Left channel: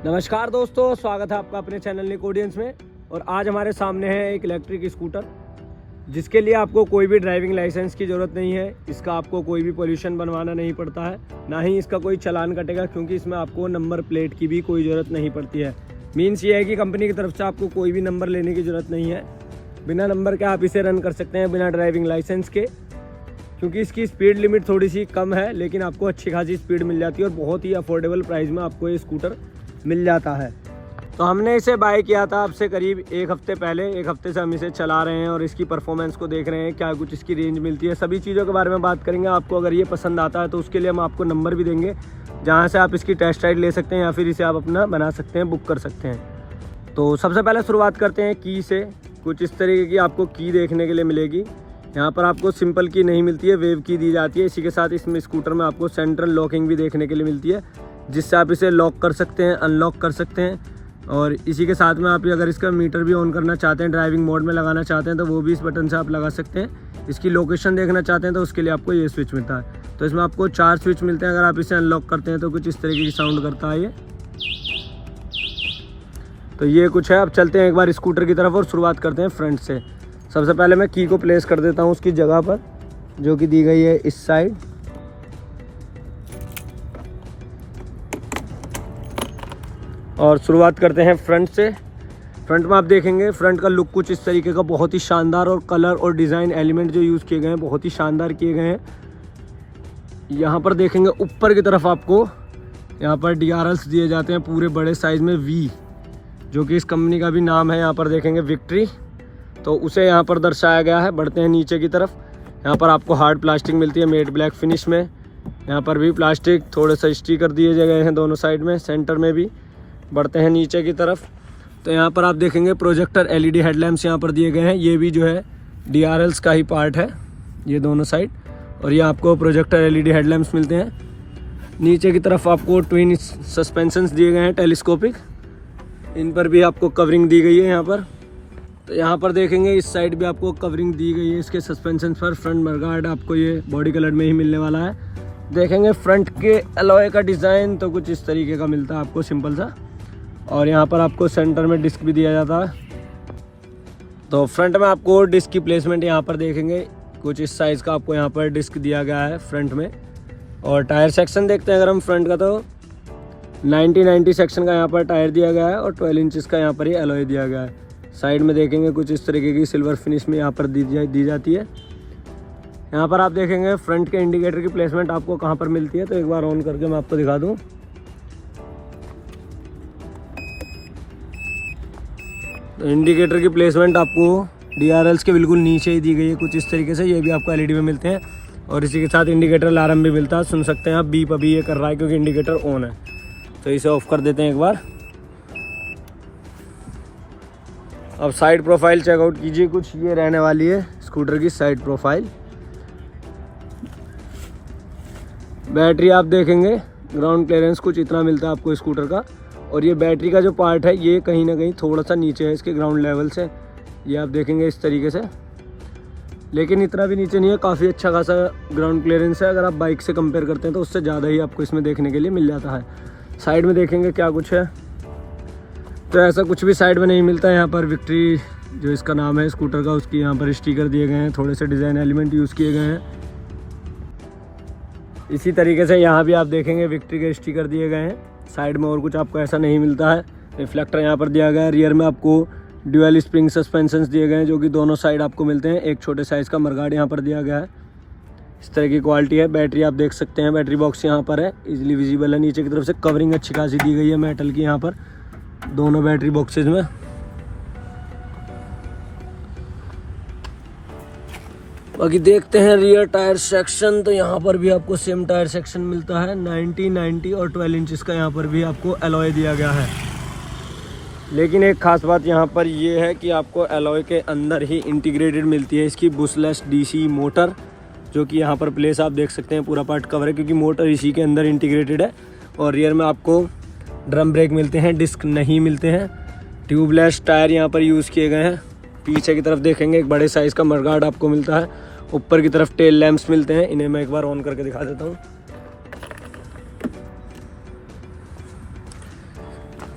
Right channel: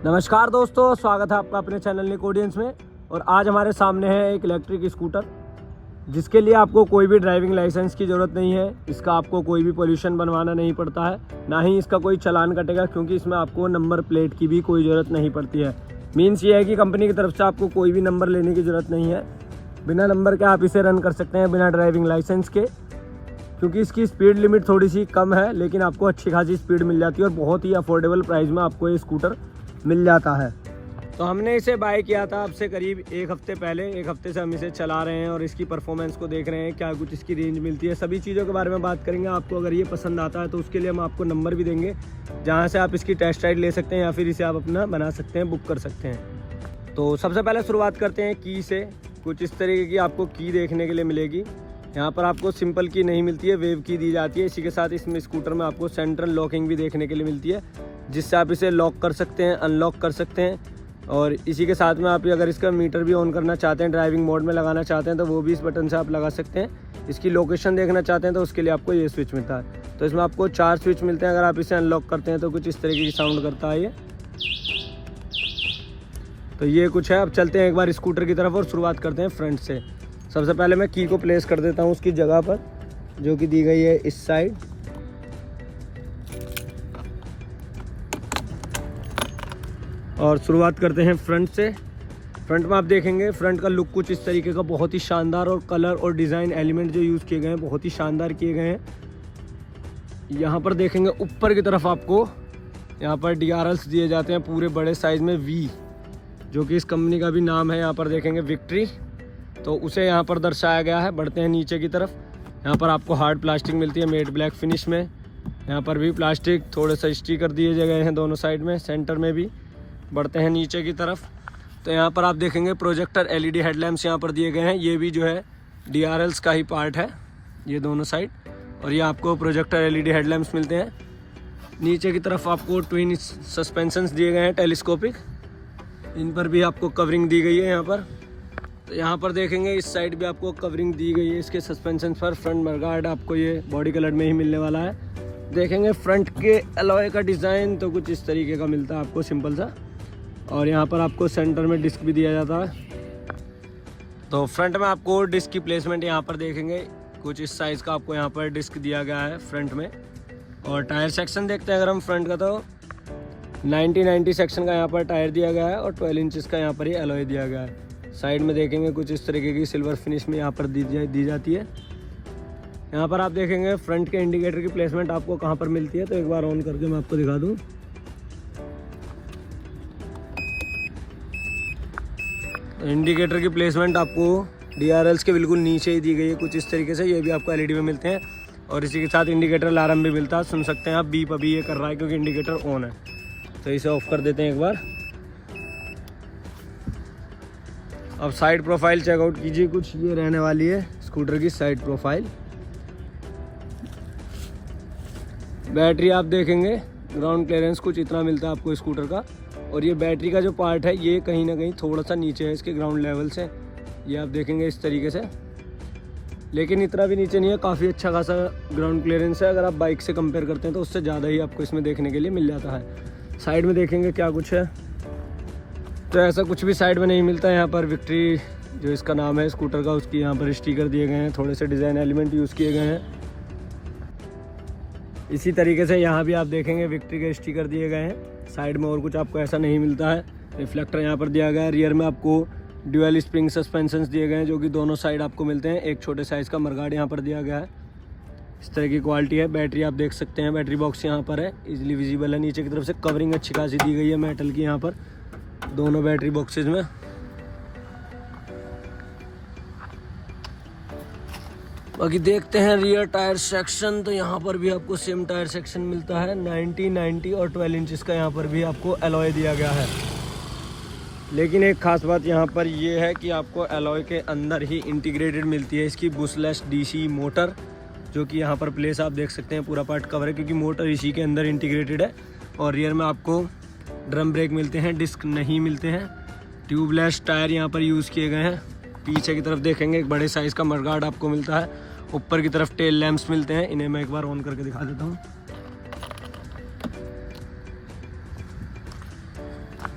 नमस्कार दोस्तों, स्वागत है आपका अपने चैनल निक ऑडियंस में। और आज हमारे सामने है एक इलेक्ट्रिक स्कूटर जिसके लिए आपको कोई भी ड्राइविंग लाइसेंस की ज़रूरत नहीं है। इसका आपको कोई भी पोल्यूशन बनवाना नहीं पड़ता है, ना ही इसका कोई चालान कटेगा, क्योंकि इसमें आपको नंबर प्लेट की भी कोई ज़रूरत नहीं पड़ती है। मीन्स ये है कि कंपनी की तरफ से आपको कोई भी नंबर लेने की ज़रूरत नहीं है। बिना नंबर के आप इसे रन कर सकते हैं, बिना ड्राइविंग लाइसेंस के, क्योंकि इसकी स्पीड लिमिट थोड़ी सी कम है, लेकिन आपको अच्छी खासी स्पीड मिल जाती है और बहुत ही अफोर्डेबल प्राइस में आपको ये स्कूटर मिल जाता है। तो हमने इसे बाय किया था आपसे करीब एक हफ्ते पहले। एक हफ्ते से हम इसे चला रहे हैं और इसकी परफॉर्मेंस को देख रहे हैं, क्या कुछ इसकी रेंज मिलती है, सभी चीज़ों के बारे में बात करेंगे। आपको अगर ये पसंद आता है तो उसके लिए हम आपको नंबर भी देंगे, जहाँ से आप इसकी टेस्ट राइड ले सकते हैं या फिर इसे आप अपना बना सकते हैं, बुक कर सकते हैं। तो सबसे पहले शुरुआत करते हैं की से। कुछ इस तरीके की आपको की देखने के लिए मिलेगी। यहाँ पर आपको सिंपल की नहीं मिलती है, वेव की दी जाती है। इसी के साथ इसमें स्कूटर में आपको सेंट्रल लॉकिंग भी देखने के लिए मिलती है, जिससे आप इसे लॉक कर सकते हैं, अनलॉक कर सकते हैं। और इसी के साथ में आप अगर इसका मीटर भी ऑन करना चाहते हैं, ड्राइविंग मोड में लगाना चाहते हैं, तो वो भी इस बटन से आप लगा सकते हैं। इसकी लोकेशन देखना चाहते हैं तो उसके लिए आपको ये स्विच मिलता है। तो इसमें आपको 4 स्विच मिलते हैं। अगर आप इसे अनलॉक करते हैं तो कुछ इस तरीके की साउंड करता है ये। तो ये कुछ है। अब चलते हैं एक बार स्कूटर की तरफ और शुरुआत करते हैं फ्रंट से। सबसे पहले मैं की को प्लेस कर देता हूँ उसकी जगह पर, जो कि दी गई है इस साइड। और शुरुआत करते हैं फ्रंट से। फ्रंट में आप देखेंगे फ्रंट का लुक कुछ इस तरीके का, बहुत ही शानदार, और कलर और डिज़ाइन एलिमेंट जो यूज़ किए गए हैं बहुत ही शानदार किए गए हैं। यहाँ पर देखेंगे ऊपर की तरफ आपको यहाँ पर DRLs दिए जाते हैं पूरे बड़े साइज़ में, V, जो कि इस कंपनी का भी नाम है। यहाँ पर देखेंगे विक्ट्री, तो उसे यहाँ पर दर्शाया गया है। बढ़ते हैं नीचे की तरफ। यहाँ पर आपको हार्ड प्लास्टिक मिलती है मेट ब्लैक फिनिश में। यहाँ पर भी प्लास्टिक, थोड़े से स्टिकर दिए गए हैं दोनों साइड में, सेंटर में भी। बढ़ते हैं नीचे की तरफ, तो यहाँ पर आप देखेंगे प्रोजेक्टर LED हेडलैम्प्स यहाँ पर दिए गए हैं। ये भी जो है DRLs का ही पार्ट है, ये दोनों साइड। और ये आपको प्रोजेक्टर LED हेडलैम्प्स मिलते हैं। नीचे की तरफ आपको ट्विन सस्पेंशंस दिए गए हैं टेलीस्कोपिक, इन पर भी आपको कवरिंग दी गई है यहाँ पर। तो यहाँ पर देखेंगे इस साइड भी आपको कवरिंग दी गई है इसके सस्पेंशन पर। फ्रंट मडगार्ड आपको ये बॉडी कलर में ही मिलने वाला है। देखेंगे फ्रंट के अलॉय का डिज़ाइन तो कुछ इस तरीके का मिलता है आपको, सिंपल सा। और यहाँ पर आपको सेंटर में डिस्क भी दिया जाता है। तो फ्रंट में आपको डिस्क की प्लेसमेंट यहाँ पर देखेंगे कुछ इस साइज़ का आपको यहाँ पर डिस्क दिया गया है फ्रंट में। और टायर सेक्शन देखते हैं अगर हम फ्रंट का, तो 90 सेक्शन का यहाँ पर टायर दिया गया है और 12 इंचज़ का यहाँ पर ही अलॉय दिया गया है। साइड में देखेंगे कुछ इस तरीके की सिल्वर फिनिश में यहाँ पर दी जाती है। यहाँ पर आप देखेंगे फ्रंट के इंडिकेटर की प्लेसमेंट आपको कहाँ पर मिलती है, तो एक बार ऑन करके मैं आपको दिखा दूँ। तो इंडिकेटर की प्लेसमेंट आपको DRLs के बिल्कुल नीचे ही दी गई है कुछ इस तरीके से। ये भी आपको LED में मिलते हैं। और इसी के साथ इंडिकेटर अलार्म भी मिलता है, सुन सकते हैं आप। बीप अभी ये कर रहा है क्योंकि इंडिकेटर ऑन है, तो इसे ऑफ कर देते हैं एक बार। अब साइड प्रोफाइल चेकआउट कीजिए, कुछ ये रहने वाली है स्कूटर की साइड प्रोफाइल। बैटरी आप देखेंगे ग्राउंड क्लियरेंस कुछ इतना मिलता है आपको स्कूटर का। और ये बैटरी का जो पार्ट है ये कहीं ना कहीं थोड़ा सा नीचे है इसके ग्राउंड लेवल से, ये आप देखेंगे इस तरीके से। लेकिन इतना भी नीचे नहीं है, काफ़ी अच्छा खासा ग्राउंड क्लियरेंस है। अगर आप बाइक से कंपेयर करते हैं तो उससे ज़्यादा ही आपको इसमें देखने के लिए मिल जाता है। साइड में देखेंगे क्या कुछ है, तो ऐसा कुछ भी साइड में नहीं मिलता है। यहाँ पर विक्ट्री जो इसका नाम है स्कूटर का, उसकी यहाँ पर स्टिकर दिए गए हैं, थोड़े से डिज़ाइन एलिमेंट यूज़ किए गए हैं। इसी तरीके से यहाँ भी आप देखेंगे विक्ट्री के स्टिकर दिए गए हैं। साइड में और कुछ आपको ऐसा नहीं मिलता है। रिफ्लेक्टर यहाँ पर दिया गया है। रियर में आपको ड्यूअल स्प्रिंग सस्पेंशंस दिए गए हैं, जो कि दोनों साइड आपको मिलते हैं। एक छोटे साइज़ का मडगार्ड यहाँ पर दिया गया है। इस तरह की क्वालिटी है। बैटरी आप देख सकते हैं, बैटरी बॉक्स यहाँ पर है, इजीली विजिबल है। नीचे की तरफ से कवरिंग अच्छी खासी दी गई है मेटल की यहाँ पर दोनों बैटरी बॉक्सेज में। बाकी देखते हैं रियर टायर सेक्शन, तो यहाँ पर भी आपको सेम टायर सेक्शन मिलता है। 90 और 12 इंचज़ का यहाँ पर भी आपको अलॉय दिया गया है। लेकिन एक खास बात यहाँ पर ये है कि आपको अलॉय के अंदर ही इंटीग्रेटेड मिलती है इसकी बुशलेस DC मोटर, जो कि यहाँ पर प्लेस आप देख सकते हैं पूरा पार्ट कवर है, क्योंकि मोटर इसी के अंदर इंटीग्रेटेड है। और रियर में आपको ड्रम ब्रेक मिलते हैं, डिस्क नहीं मिलते हैं। ट्यूबलेस टायर यहाँ पर यूज़ किए गए हैं। पीछे की तरफ देखेंगे एक बड़े साइज़ का मडगार्ड आपको मिलता है। ऊपर की तरफ टेल लैंप्स मिलते हैं, इन्हें मैं एक बार ऑन करके दिखा देता हूँ।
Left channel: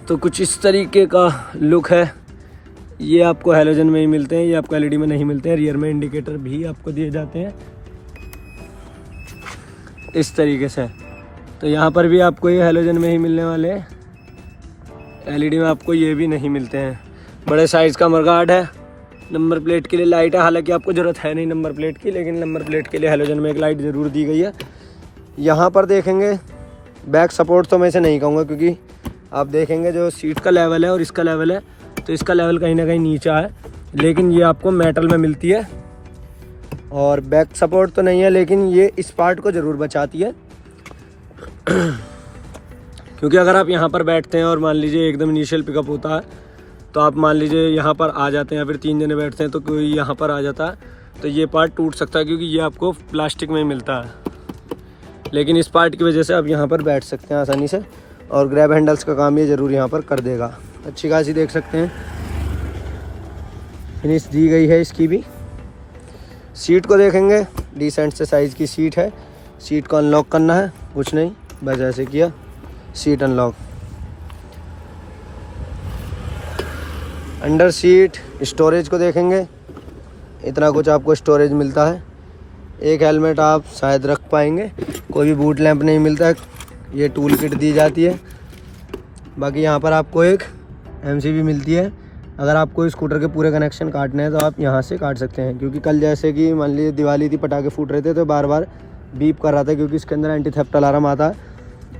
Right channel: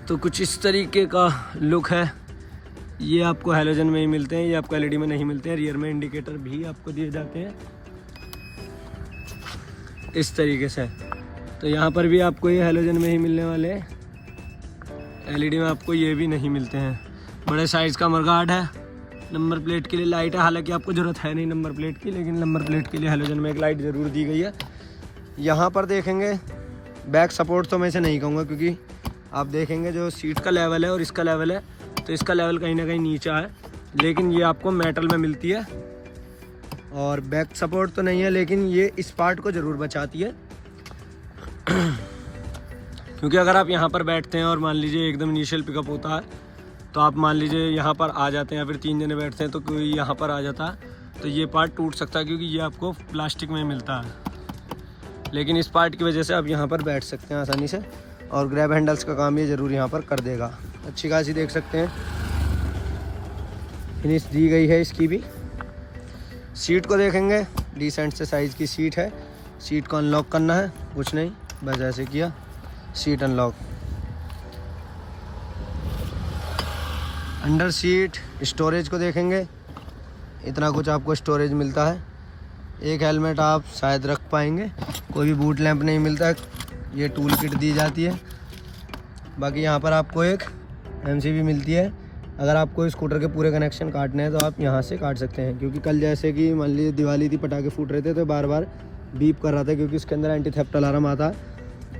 तो कुछ इस तरीके का लुक है। ये आपको हैलोजन में ही मिलते हैं, ये आपको एलईडी में नहीं मिलते हैं। रियर में इंडिकेटर भी आपको दिए जाते हैं इस तरीके से। तो यहाँ पर भी आपको ये हैलोजन में ही मिलने वाले हैं, एलईडी में आपको ये भी नहीं मिलते हैं। बड़े साइज़ का मडगार्ड है। नंबर प्लेट के लिए लाइट है, हालांकि आपको ज़रूरत है नहीं नंबर प्लेट की, लेकिन नंबर प्लेट के लिए हैलोजन में एक लाइट ज़रूर दी गई है। यहाँ पर देखेंगे बैक सपोर्ट तो मैं इसे नहीं कहूँगा, क्योंकि आप देखेंगे जो सीट का लेवल है और इसका लेवल है, तो इसका लेवल कहीं ना कहीं नीचा है, लेकिन ये आपको मेटल में मिलती है। और बैक सपोर्ट तो नहीं है, लेकिन ये इस पार्ट को ज़रूर बचाती है। क्योंकि अगर आप यहाँ पर बैठते हैं और मान लीजिए एकदम इनिशियल पिकअप होता है, तो आप मान लीजिए यहाँ पर आ जाते हैं या फिर 3 जने बैठते हैं, तो कोई यहाँ पर आ जाता है तो ये पार्ट टूट सकता है, क्योंकि ये आपको प्लास्टिक में मिलता है। लेकिन इस पार्ट की वजह से आप यहाँ पर बैठ सकते हैं आसानी से, और ग्रैब हैंडल्स का काम ये ज़रूर यहाँ पर कर देगा। अच्छी खासी देख सकते हैं फिनिश दी गई है इसकी भी। सीट को देखेंगे, डिसेंट से साइज़ की सीट है। सीट को अनलॉक करना है, कुछ नहीं, बस ऐसे किया, seat unlock. Under seat storage को देखेंगे, इतना कुछ आपको स्टोरेज मिलता है। एक हेलमेट आप शायद रख पाएंगे, कोई भी बूट लैंप नहीं मिलता है। ये टूल किट दी जाती है। बाकी यहाँ पर आपको एक एमसीबी मिलती है। अगर आपको स्कूटर के पूरे कनेक्शन काटने हैं तो आप यहाँ से काट सकते हैं, क्योंकि कल जैसे कि मान लीजिए दिवाली थी, पटाखे फूट रहे थे, तो बार बार बीप कर रहा था, क्योंकि इसके अंदर एंटी थेफ्ट अलार्म आता है।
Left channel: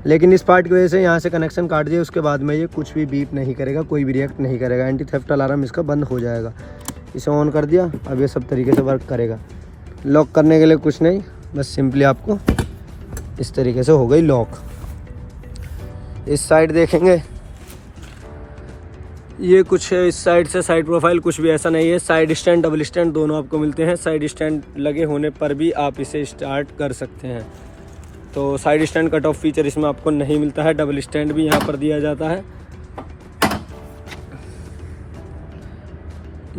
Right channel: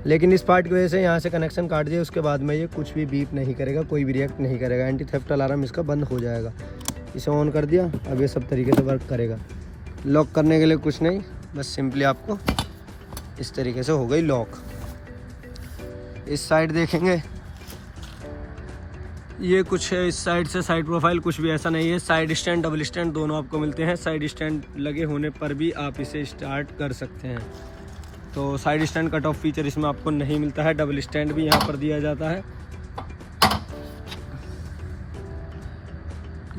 लेकिन इस पार्ट की वजह से यहाँ से कनेक्शन काट दिए, उसके बाद में ये कुछ भी बीप नहीं करेगा, कोई भी रिएक्ट नहीं करेगा। एंटी थेफ्ट अलार्म इसका बंद हो जाएगा। इसे ऑन कर दिया, अब ये सब तरीके से वर्क करेगा। लॉक करने के लिए कुछ नहीं, बस सिंपली आपको इस तरीके से हो गई लॉक। इस साइड देखेंगे, ये कुछ है इस साइड से, साइड प्रोफाइल कुछ भी ऐसा नहीं है। साइड स्टैंड, डबल स्टैंड दोनों आपको मिलते हैं। साइड स्टैंड लगे होने पर भी आप इसे स्टार्ट कर सकते हैं। तो side stand cut off feature इसमें आपको नहीं मिलता है। डबल स्टैंड भी यहाँ पर दिया जाता है।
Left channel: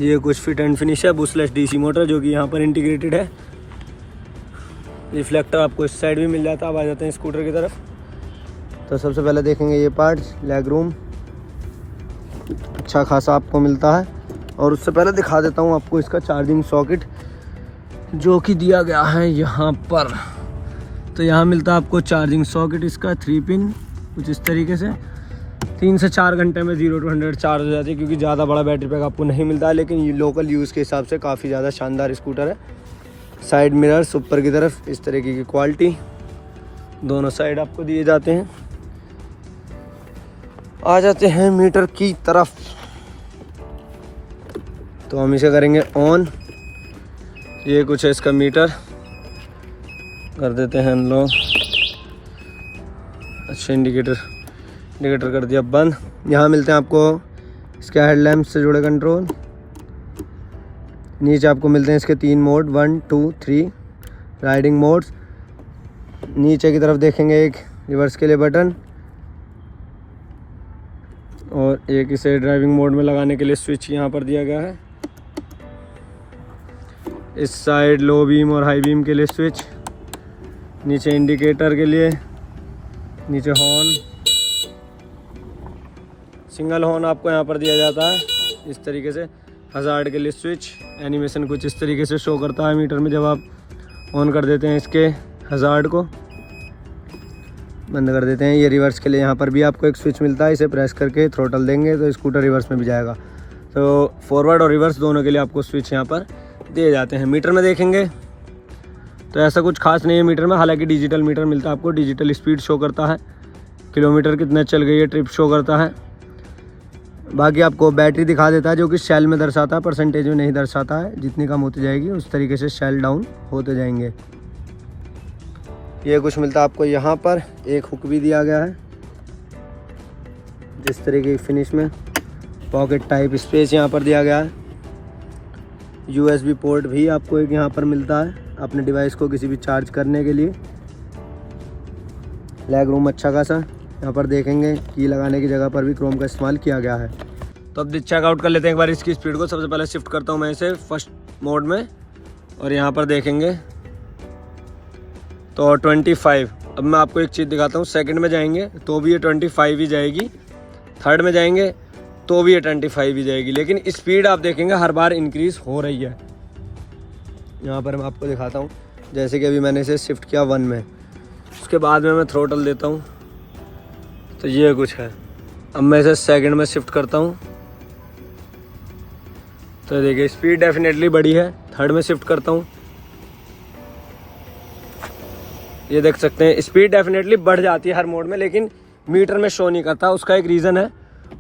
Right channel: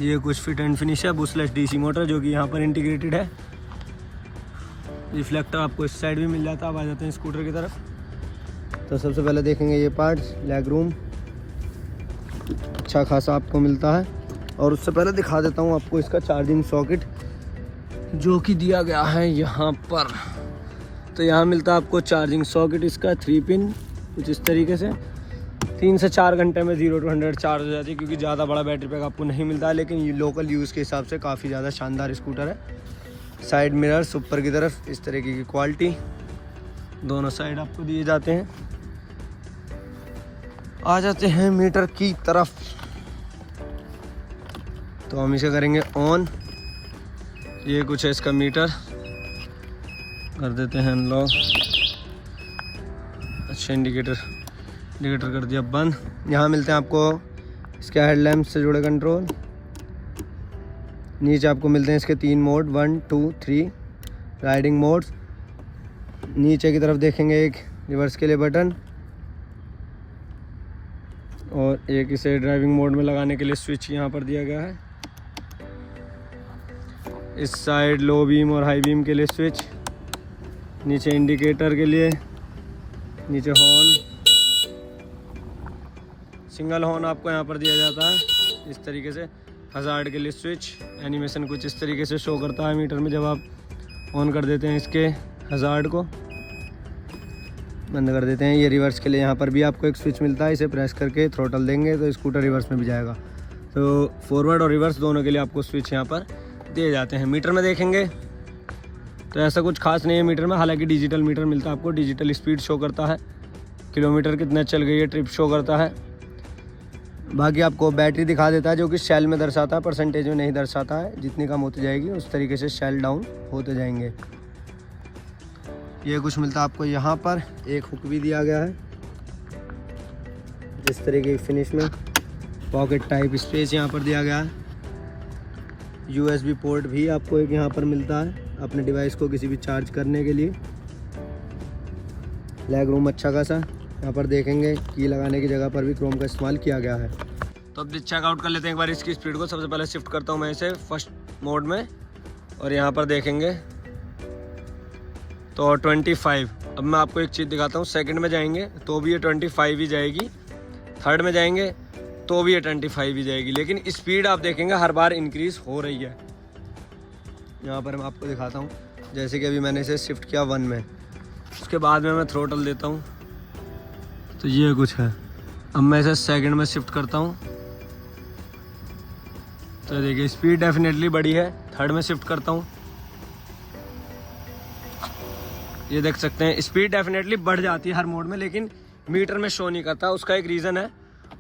ये कुछ फिट एंड फिनिश है। बुशलेस डीसी मोटर जो कि यहाँ पर इंटीग्रेटेड है। रिफ्लेक्टर आपको इस साइड भी मिल जाता है। अब आ जाते हैं स्कूटर की तरफ। तो सबसे पहले देखेंगे ये पार्ट्स, लेग रूम अच्छा खासा आपको मिलता है। और उससे पहले दिखा देता हूँ आपको इसका चार्जिंग सॉकेट जो कि दिया गया है यहाँ पर। तो यहाँ मिलता है आपको चार्जिंग सॉकेट इसका 3 पिन, कुछ इस तरीके से। 3 से 4 घंटे में 0 to 100 चार्ज हो जाती है, क्योंकि ज़्यादा बड़ा बैटरी पैक आपको नहीं मिलता है। लेकिन ये लोकल यूज़ के हिसाब से काफ़ी ज़्यादा शानदार स्कूटर है। साइड मिरर्स ऊपर की तरफ, इस तरीके की क्वालिटी दोनों साइड आपको दिए जाते हैं। आ जाते हैं मीटर की तरफ। तो हम इसे करेंगे ऑन। ये कुछ है इसका मीटर, कर देते हैं अनलॉक। अच्छा, इंडिकेटर कर दिया बंद। यहाँ मिलते हैं आपको इसके हेडलैम्प से जुड़े कंट्रोल। नीचे आपको मिलते हैं इसके 3 मोड, 1, 2, 3 राइडिंग मोड्स। नीचे की तरफ देखेंगे एक रिवर्स के लिए बटन, और एक इसे ड्राइविंग मोड में लगाने के लिए स्विच यहाँ पर दिया गया है। इस साइड लो बीम और हाई बीम के लिए स्विच, नीचे इंडिकेटर के लिए, नीचे हॉर्न, सिंगल हॉर्न आपको यहाँ पर दिया जाता है इस तरीके से। हज़ार्ड के लिए स्विच, एनिमेशन कुछ इस तरीके से शो करता है मीटर में जब आप ऑन कर देते हैं इसके हज़ार्ड को, बंद कर देते हैं। ये रिवर्स के लिए यहाँ पर भी आपको एक स्विच मिलता है, इसे प्रेस करके थ्रोटल देंगे तो स्कूटर रिवर्स में भी जाएगा। तो फॉरवर्ड और रिवर्स दोनों के लिए आपको स्विच यहाँ पर दिए जाते हैं। मीटर में देखेंगे तो ऐसा कुछ खास नहीं है मीटर में, हालांकि डिजिटल मीटर मिलता है आपको। डिजिटल स्पीड शो करता है, किलोमीटर कितने चल गई है, ट्रिप शो करता है। बाकी आपको बैटरी दिखा देता है, जो कि सेल में दर्शाता है, परसेंटेज में नहीं दर्शाता है। जितनी कम होती जाएगी उस तरीके से सेल डाउन होते जाएंगे। ये कुछ मिलता है आपको यहाँ पर। एक हुक भी दिया गया है जिस तरीके की फिनिश में। पॉकेट टाइप स्पेस यहाँ पर दिया गया है। USB पोर्ट भी आपको एक यहाँ पर मिलता है अपने डिवाइस को किसी भी चार्ज करने के लिए। लेग रूम अच्छा खासा। यहाँ पर देखेंगे की लगाने की जगह पर भी क्रोम का इस्तेमाल किया गया है। तो अब चेकआउट कर लेते हैं एक बार इसकी स्पीड को। सबसे पहले शिफ्ट करता हूँ मैं इसे फर्स्ट मोड में, और यहाँ पर देखेंगे तो 25। अब मैं आपको एक चीज़ दिखाता हूँ, सेकंड में जाएंगे तो भी ये 25 ही जाएगी। थर्ड में जाएंगे तो भी ये 25 ही जाएगी, लेकिन स्पीड आप देखेंगे हर बार इंक्रीज हो रही है। यहाँ पर मैं आपको दिखाता हूँ, जैसे कि अभी मैंने इसे शिफ्ट किया 1 में, उसके बाद में मैं थ्रोटल देता हूँ तो ये कुछ है। अब मैं इसे सेकंड में शिफ्ट करता हूँ तो देखिए स्पीड डेफिनेटली बढ़ी है। थर्ड में शिफ्ट करता हूँ, ये देख सकते हैं स्पीड डेफिनेटली बढ़ जाती है हर मोड में, लेकिन मीटर में शो नहीं करता। उसका एक रीज़न है,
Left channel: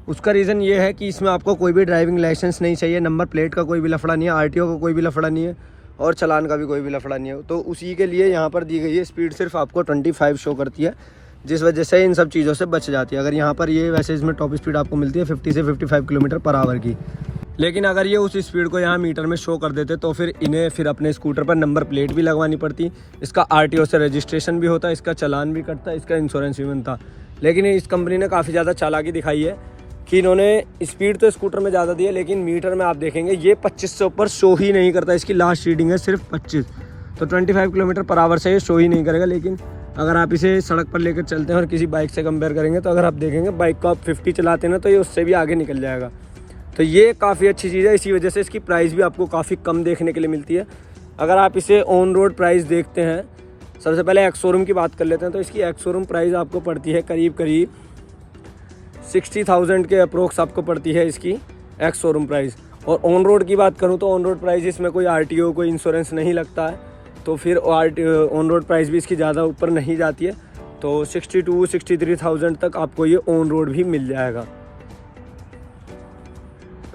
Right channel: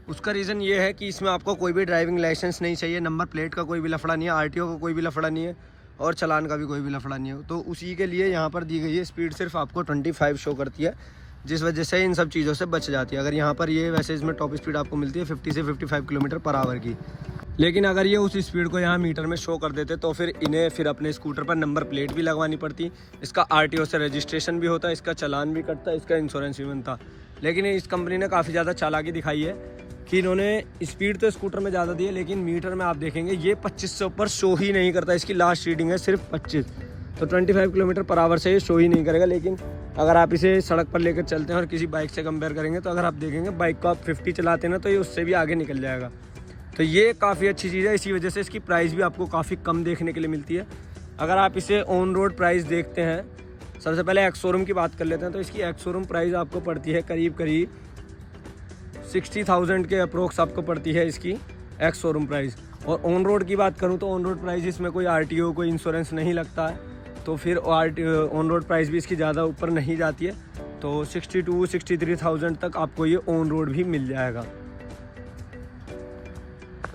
उसका रीज़न ये है कि इसमें आपको कोई भी ड्राइविंग लाइसेंस नहीं चाहिए, नंबर प्लेट का कोई भी लफड़ा नहीं है, आरटीओ का कोई भी लफड़ा नहीं है और चालान का भी कोई भी लफड़ा नहीं है। तो उसी के लिए यहाँ पर दी गई है स्पीड सिर्फ आपको 25 शो करती है, जिस वजह से इन सब चीज़ों से बच जाती है। अगर यहाँ पर ये वैसे इसमें टॉप स्पीड आपको मिलती है 50 से 55 किलोमीटर पर आवर की, लेकिन अगर ये उस स्पीड को यहाँ मीटर में शो कर देते तो फिर इन्हें फिर अपने स्कूटर पर नंबर प्लेट भी लगवानी पड़ती, इसका आरटीओ से रजिस्ट्रेशन भी होता, इसका चालान भी कटता, इसका इंश्योरेंस भी बनता। लेकिन इस कंपनी ने काफ़ी ज़्यादा चालाकी दिखाई है कि इन्होंने स्पीड तो स्कूटर में ज़्यादा दी है, लेकिन मीटर में आप देखेंगे ये 25 से ऊपर शो ही नहीं करता। इसकी लास्ट रीडिंग है सिर्फ 25, तो 25 किलोमीटर पर आवर से ये शो ही नहीं करेगा। लेकिन अगर आप इसे सड़क पर लेकर चलते हैं और किसी बाइक से कंपेयर करेंगे तो अगर आप देखेंगे बाइक को आप 50 चलाते हैं ना तो ये उससे भी आगे निकल जाएगा। तो ये काफ़ी अच्छी चीज़ है, इसी वजह से इसकी प्राइस भी आपको काफ़ी कम देखने के लिए मिलती है। अगर आप इसे ऑन रोड प्राइस देखते हैं, सबसे पहले एक्स शोरूम की बात कर लेते हैं, तो इसकी एक्स शोरूम प्राइस आपको पड़ती है करीब 60,000 के अप्रोक्स आपको पड़ती है इसकी एक्स शोरूम प्राइस। और ऑन रोड की बात करूँ तो ऑन रोड प्राइस इसमें कोई आरटीओ कोई इंश्योरेंस नहीं लगता है, तो फिर ऑन रोड प्राइस भी इसकी ज़्यादा ऊपर नहीं जाती है, तो 62-63,000 तक आपको ये ऑन रोड भी मिल जाएगा।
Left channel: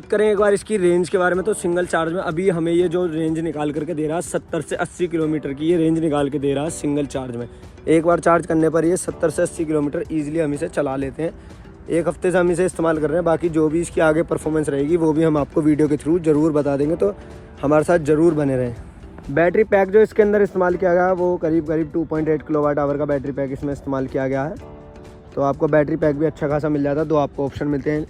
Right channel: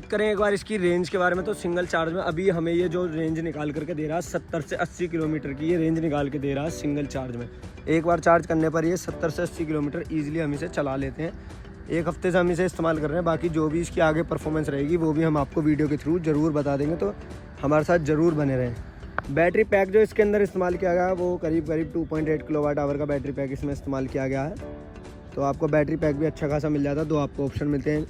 करें एक बार इसकी रेंज के बारे में, तो सिंगल चार्ज में अभी हमें ये जो रेंज निकाल करके दे रहा है 70 से 80 किलोमीटर की ये रेंज निकाल के दे रहा है सिंगल चार्ज में। एक बार चार्ज करने पर ये 70 से 80 किलोमीटर ईजिली हम इसे चला लेते हैं। एक हफ्ते से हम इसे इस्तेमाल कर रहे हैं, बाकी जो भी इसकी आगे परफॉर्मेंस रहेगी वो भी हम आपको वीडियो के थ्रू ज़रूर बता देंगे, तो हमारे साथ ज़रूर बने रहें। बैटरी पैक जो इसके अंदर इस्तेमाल किया गया है वो करीब 2.8 किलोवाट आवर का बैटरी पैक इसमें इस्तेमाल किया गया है। तो आपको बैटरी पैक भी अच्छा खासा मिल जाता है। दो आपको ऑप्शन मिलते हैं,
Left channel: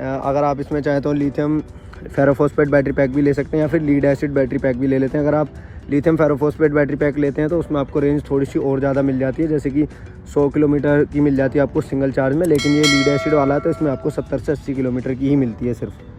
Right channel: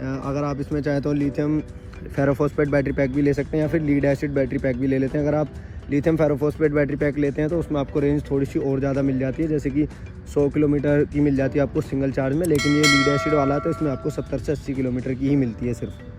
अगर आप इसमें चाहें तो लिथियम फेरोफॉस्फेट बैटरी पैक भी ले सकते हैं या फिर लीड एसिड बैटरी पैक भी ले लेते हैं। अगर आप लिथियम फेरोफॉस्फेट बैटरी पैक लेते हैं तो उसमें आपको रेंज थोड़ी सी और ज़्यादा मिल जाती है, जैसे कि 100 किलोमीटर की मिल जाती है आपको सिंगल चार्ज में, लेकिन ये लीड एसिड वाला है तो इसमें आपको 70 से 80 किलोमीटर की ही मिलती है सिर्फ।